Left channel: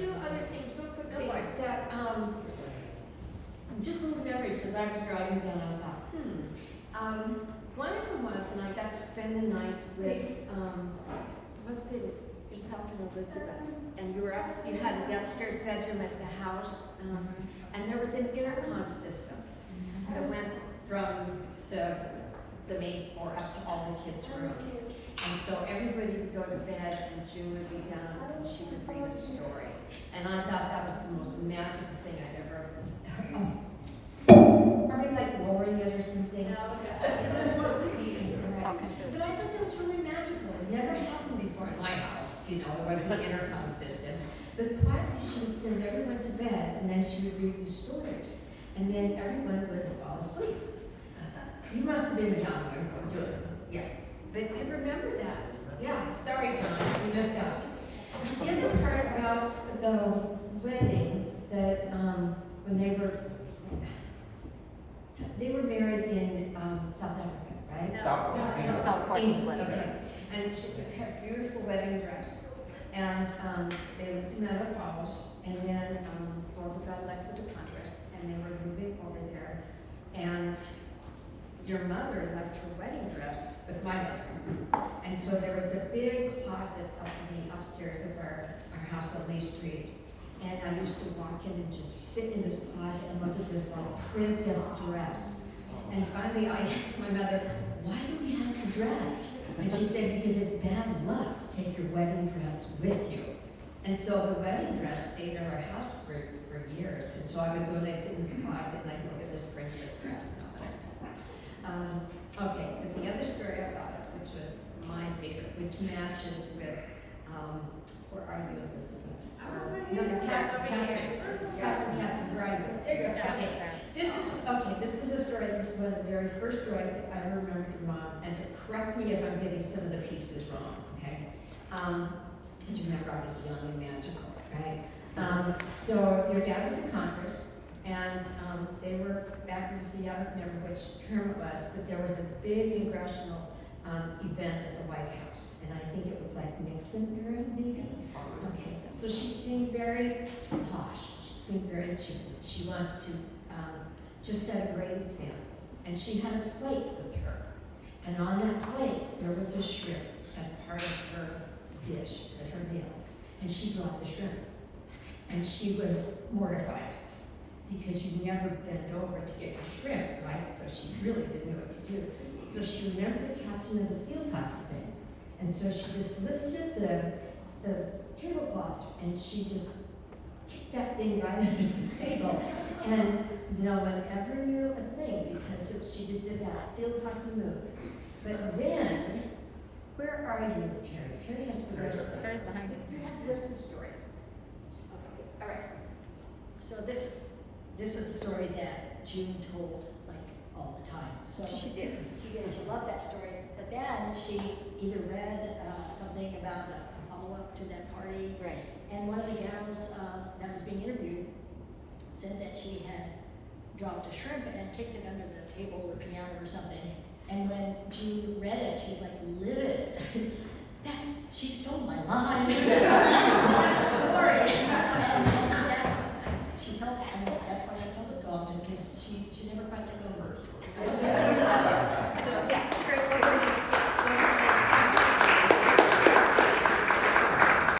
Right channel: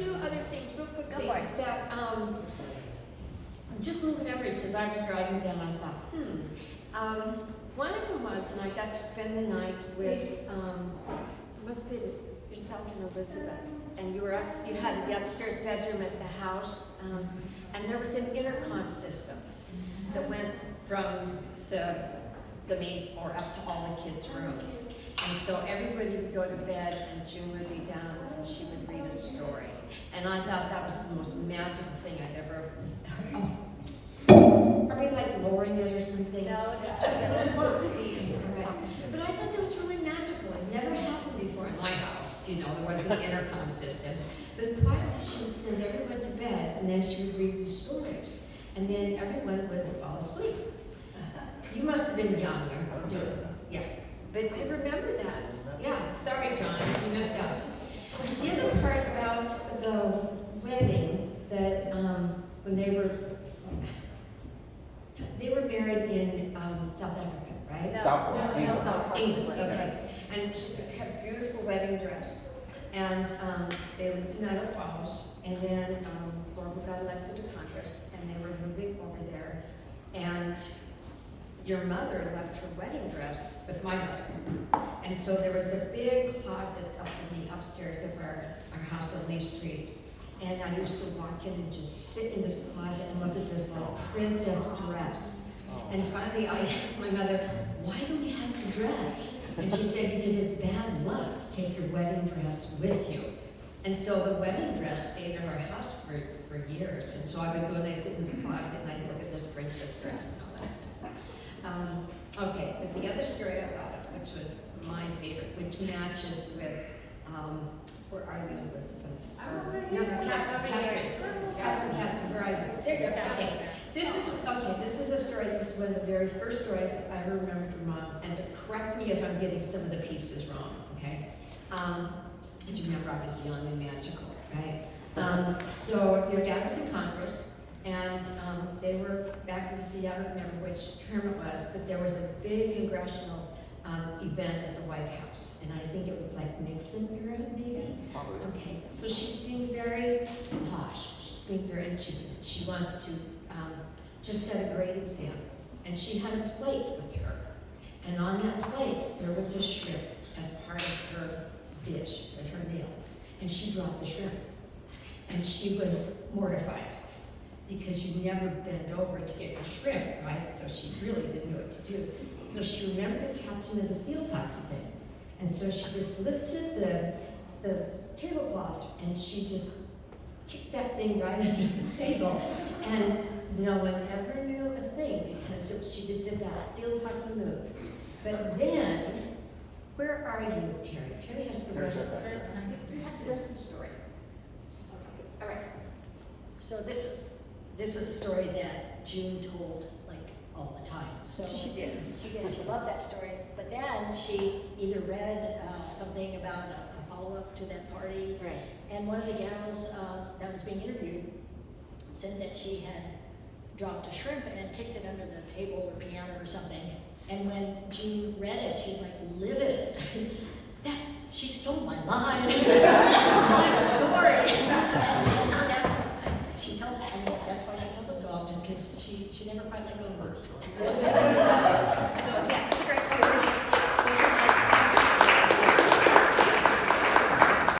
two other things, real quick things that just little memories. As I was driving down, I thought, one of them was, and I got to spend the night with must have been yourself and Elizabeth, and you had the upstairs bedroom at the house, and there was an intercom system that went from the main floor up to all the kids' rooms. And so everybody would go to bed and June would be down and she would read a story. And I thought that was the most magical thing I'd ever, are we like lowering it or something? No, but I thought that was really magical. It never happened before in my house. You know, there wasn't an intercom system. But quietly she would send everyone to bed and then she would read the stories. And then everyone would fall asleep. You must have been young and doing it. Yeah. But I remember that. Yeah, sorry, John, you missed out. The other part about the wedding, that when they were married in South Africa, right? South Africa. England, okay. And she had a beautiful wedding dress. And they lived in Meadow Falls, and then Orville got elected to Congress, and they were moving over there. And your mother left her wedding dress with my mother. And so there was a big closet up in the upstairs of our house on Lee Street. And I used to walk in and just sit in this closet and look at this like princess dress. And finally I asked my mother, why do we have the dress? And she said, because it's bad luck to take your wedding dress with you. And so the wedding dress stayed in our house for years. And so I would go and I'd sit in this closet and I'd look at this princess dress and all that stuff. Okay, but the other story I thought of, which was my favorite, which matches with, where are you, Elizabeth? No, Catherine, where are you? There you go, Catherine. Okay, this is a story, this is one of the very first stories that I ever remembered from Mom, and correct me if I'm getting some of the pieces wrong, okay? As you remember, I was young and magical, right? So your dad was in Congress, and they were back in the I don't remember which term it was, but there was a big congressional event at the White House, and I think it was like Nixon era, maybe? Okay, so she's being very posh, she's being very achieving. She wants to just set a great example. And she had a plate with her, and on that plate there was a shrimp as part of her dish, at her meal, and she dropped the shrimp. And she was mortified, because you never bend over to get your shrimp, right? So she really didn't know what to do. So she remembered the captain of the field hockey thing. And so she just lifted the tablecloth and she just kicked that thing right under the table. And no one ever knew a thing because she just did that field hockey move. But then, where are you, Terry? Terry has the rest of the story. Okay. All right. So this is a story that June told like all the time. So She did. She loved that story. But then she either read something about a follow-up to that party. Right. And one of the gals that was being interviewed said that she had dropped a shrimp and kicked it under the table or piano or something. And when June read it, she was like livid. She stole my line, my story. And that's, she tells, and that's why she tells it so often, because she never quite let go of hers.